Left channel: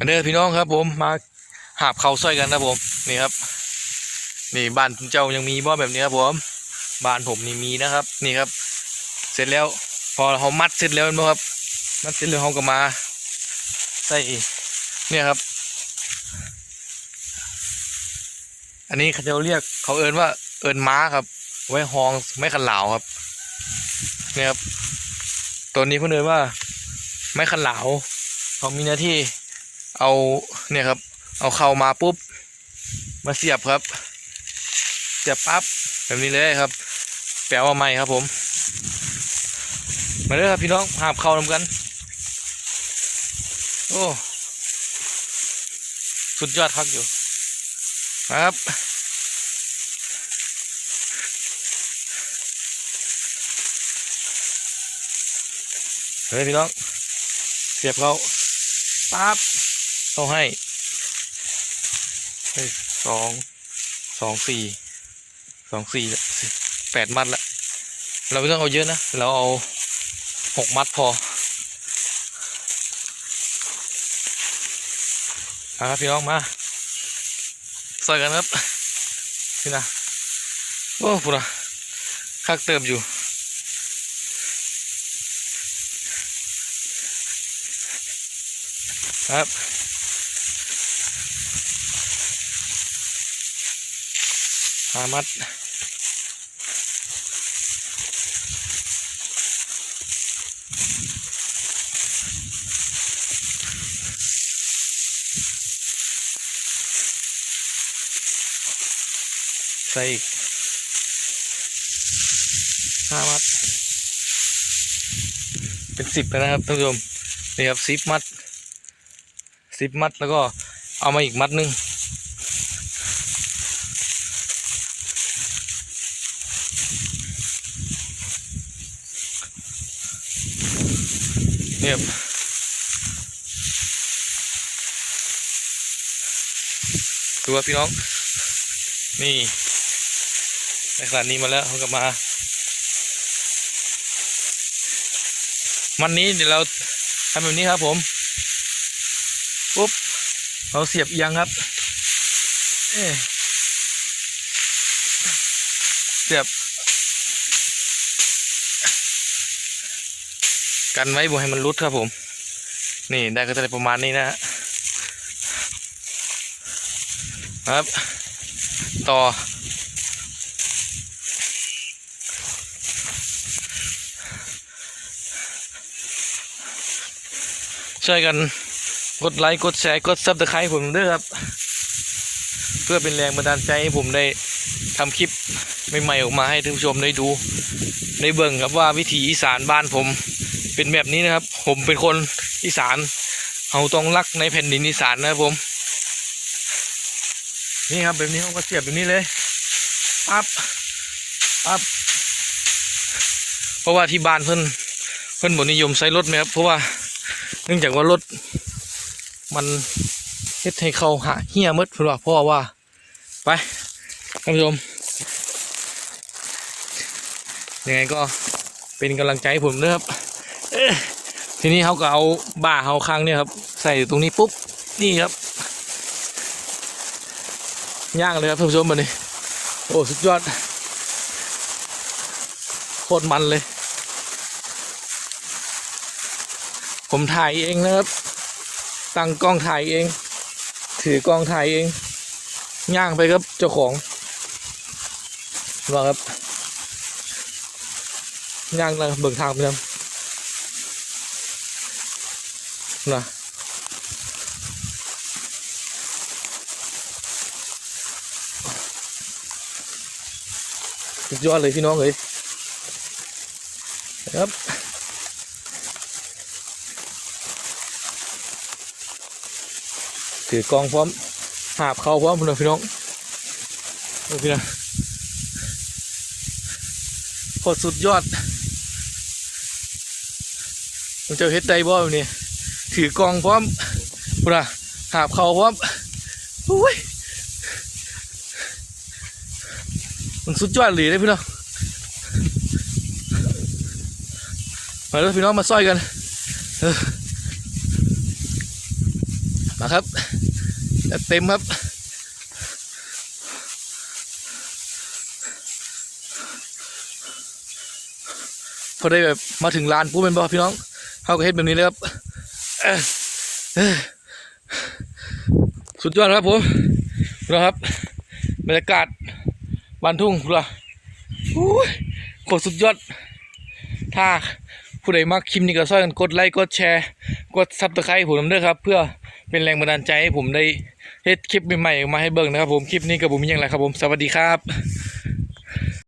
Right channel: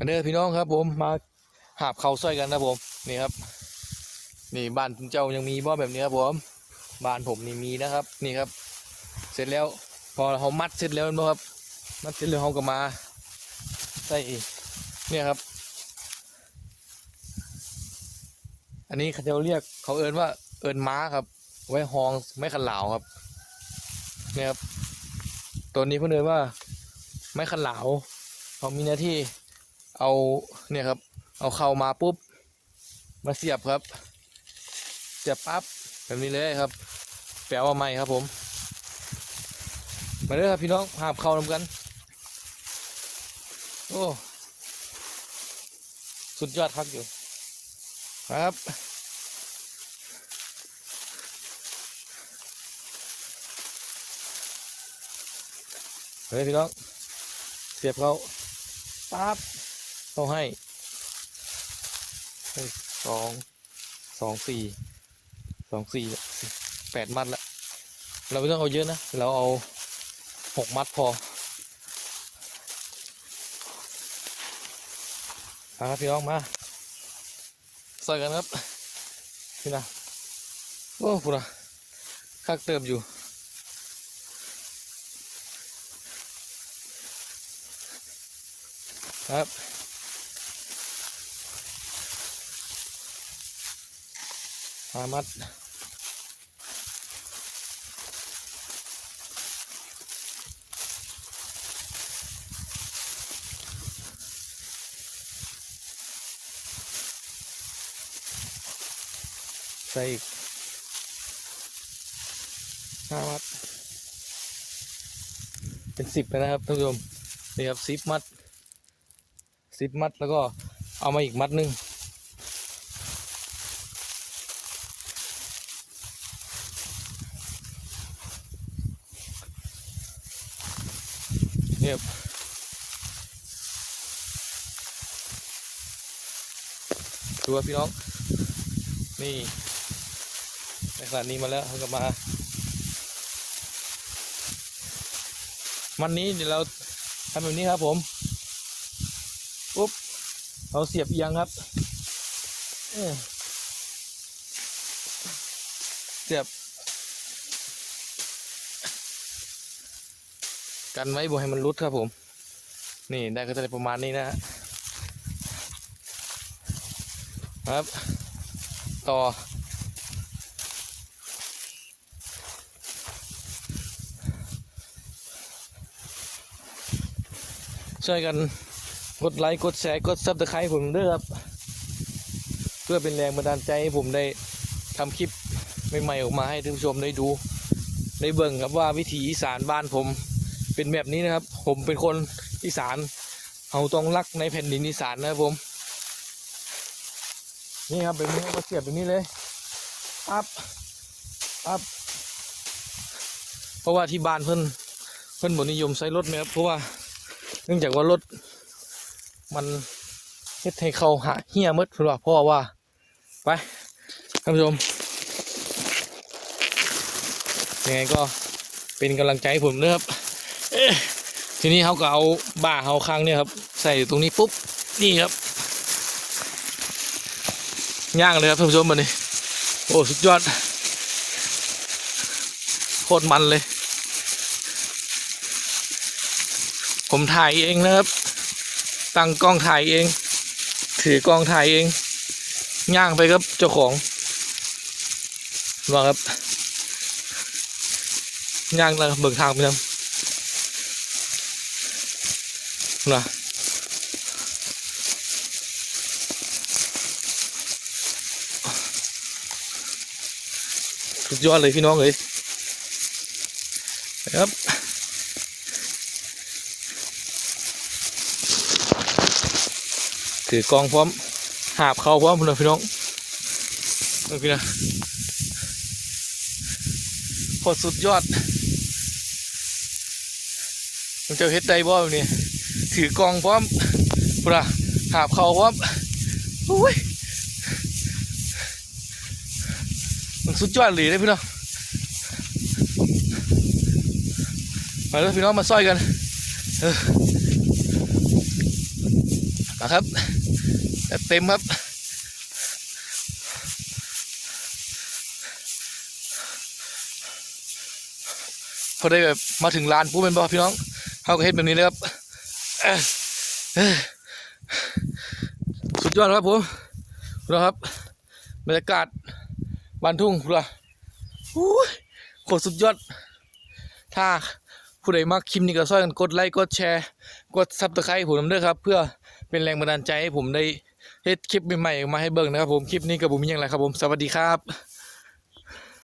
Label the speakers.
Speaker 1: อันเด้อพี่น้องครับผมมาหาบเขาวซอยกันนะผมนี่ครับ นี่บ้านเจ้ายังมีบ่อแบบนี้ครับผมบ้านผมนี่มีนะครับ นี่ครับ เสร็จแล้วพอเขามัดเสร็จแล้วนะครับมัดเสร็จแล้วเขาก็มาใส่เนี่ยครับ อันนี้เขาจะเรียกเขาเอินว่าเอินม้าครับ ไว้ห้องไม่ขันเหลาครับเนี่ยครับตัวนี้เพื่อนเอินว่าไม้ขันเหลาเขามีหน้าที่ เอาเนี่ยครับ เอาเข้ามาปุ๊บ มาเสียบครับเสียบปั๊บแบบนี้เลยครับ แปลว่าไม่ครับผม มาเลยครับพี่น้องหาบเข้านำกัน โอ้สุดยอดครับอยู่ครับเฮ้ยพี่น้องเสียบเขาปั๊บ ต้องให้เฮ้สองสองสี่สองสี่แปดมัดละเราไม่ต้องเอาเยอะนะ เราเอาหกมัดพอมาครับพี่น้องมาใส่กันครับนี่นะโอ้พูดนะคักเติมอยู่ครับ หามัดใส่อีกห้ามัด เป็นสิบแล้วนะครับท่านผู้ชมนี่ครับสิบมัดสิบมัดแล้วก็เอามาอีกมัดหนึงียบดูว่าพี่น้อง นี่ในขนาดนี้มาแล้วเขาก็มา มันนี้เดี๋ยวเราทำแบบนี้ครับผม ปุ๊บ เราเสียบเอียงครับ เสียบ กันไว้บ่ให้มันรุดครับผม นี่ได้ก็จะได้ประมาณนี้นะฮะครับ ต่อ ช่วยกันกดไลค์ กดแชร์ กดซับสไครต์ผมด้วยครับ เพื่อเป็นแรงบันดาลใจให้ผมได้ทำคลิปใหม่ๆออกมาให้ท่านผู้ชมได้ดู ได้เบิ่งครับว่าวิถีอีสานบ้านผม เป็นแบบนี้นะครับ ผมเป็นคนอีสานเราต้องรักในแผ่นดินอีสานนะครับผม นี่ครับแบบนี้เขาก็เสียบแบบนี้เลยปั๊บปั๊บเพราะว่าที่บ้านเพิ่อนเพิ่อนบนิยมใช้รถไหมครับเพราะว่าเนื่องจากว่ารถมันเฮ็ดให้เขาหาเหี้ยมืดเพื่อนว่าพ่อว่า ไปท่านผู้ชมยังไงก็เป็นกำลังใจให้ผมนะครับ ทีนี้เขาก็เอาบ่าเขาข้างเนี่ยครับ ใส่อยู่ตรงนี้ปุ๊บนี่ครับย่างเลยครับท่านผู้ชมมันนี่โอ้สุดยอดโคตรมันเลย ผมถ่ายเองนะครับ ตั้งกล้องถ่ายเอง ถือกล้องถ่ายเองย่างไปครับเจ้าของว่าครับย่างแล้วเบิกทางไปครับ นะสุดยอดเลยพี่น้องเลยครับถือกองพร้อม หาบเข้าพร้อมพี่น้องพี่น้องเอาพี่น้องโคตรสุดยอดมันจะเฮ็ดได้บ่แบบนี้ ถือกองพร้อมปะหาบเขาพร้อมโอ้ยมันสุดยอดเลยนะพี่น้องมาแล้วพี่น้องมาซอยกันเออมาครับจัดเต็มครับพอได้แบบมาถึงลานปุ๊บเป็นบอพี่น้องเขาก็เฮ็ดแบบนี้เลยครับ สุดยอดครับผมดูนะครับบรรยากาศบ้านทุ่งดูละอู้ยโคตรสุดยอด ถ้าผู้ใดมักคลิปนี้ก็ช่วยกันกดไลค์กดแชร์กดซับสไครต์ผมด้วยครับ เพื่อเป็นแรงบันดาลใจให้ผมได้เฮ็ดคลิปใหม่ๆมาให้เบิ่งนะครับผมคลิปนี้กับผมมีอย่างไรครับผมสวัสดีครับ